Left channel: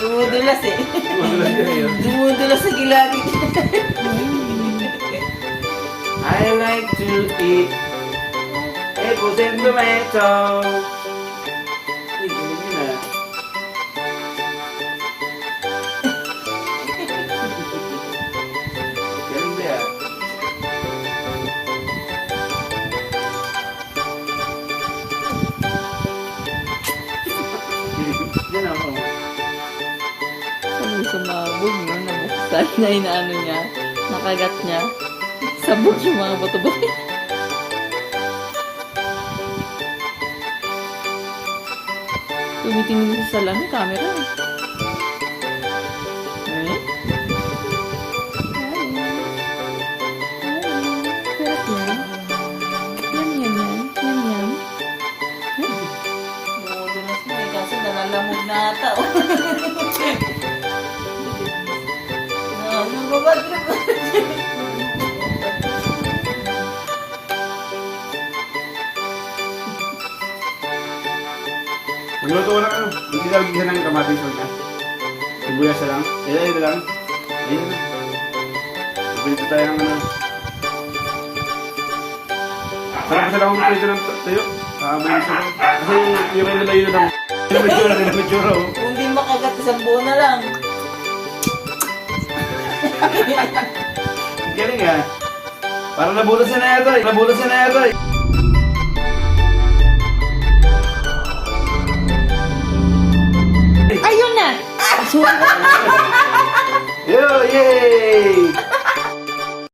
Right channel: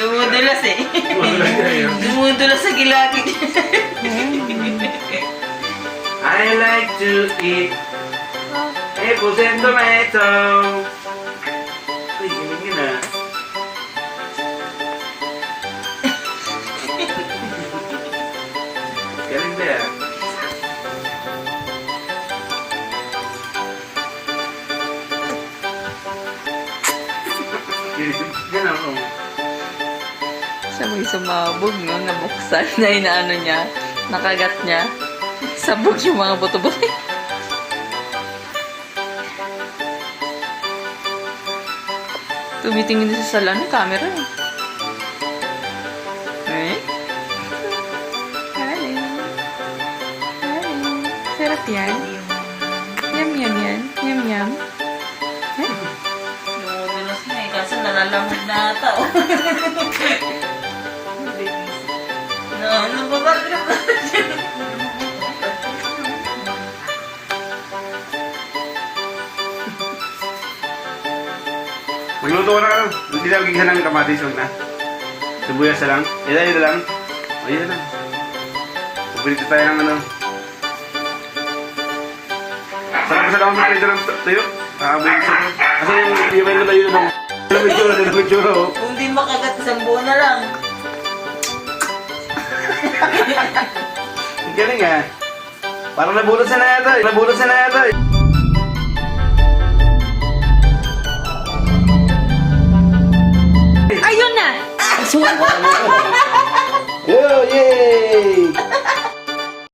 Dumudulas eh. Dumudulas sa gilagid. I like to eat apples and tomato. Uy, galing yun ah. Galing ba yan? Yan ako. Sabay sumabog, no? Nabuksan na inaano niya. Nakagat niya. Sabog yung mga buto-buto. Tumitingin sa salon ng camera. Eh? Hi. Hi. Sarap yan. Yum, yum, yan. Yum, yum. Eh? Dumudulas na eh. Kaso nalalamog na ata. Oh. Ano ba ba? Magluto ko na ano. Hindi na magiging namin kamatis. Huwag na. Sibuyas na lang. Ito lang. Ayan na. Pagpilito tayo ng ano. Sarap sa lang magpilito ng tayo. Kakaboy siya. Kasi yung may nalayo na ng medjura. Kung di makagat, isang buo na lang. Ang galing ah. Parang nabutas na yata eh. Nabutas na yata eh. Ayun na! Yo, yay!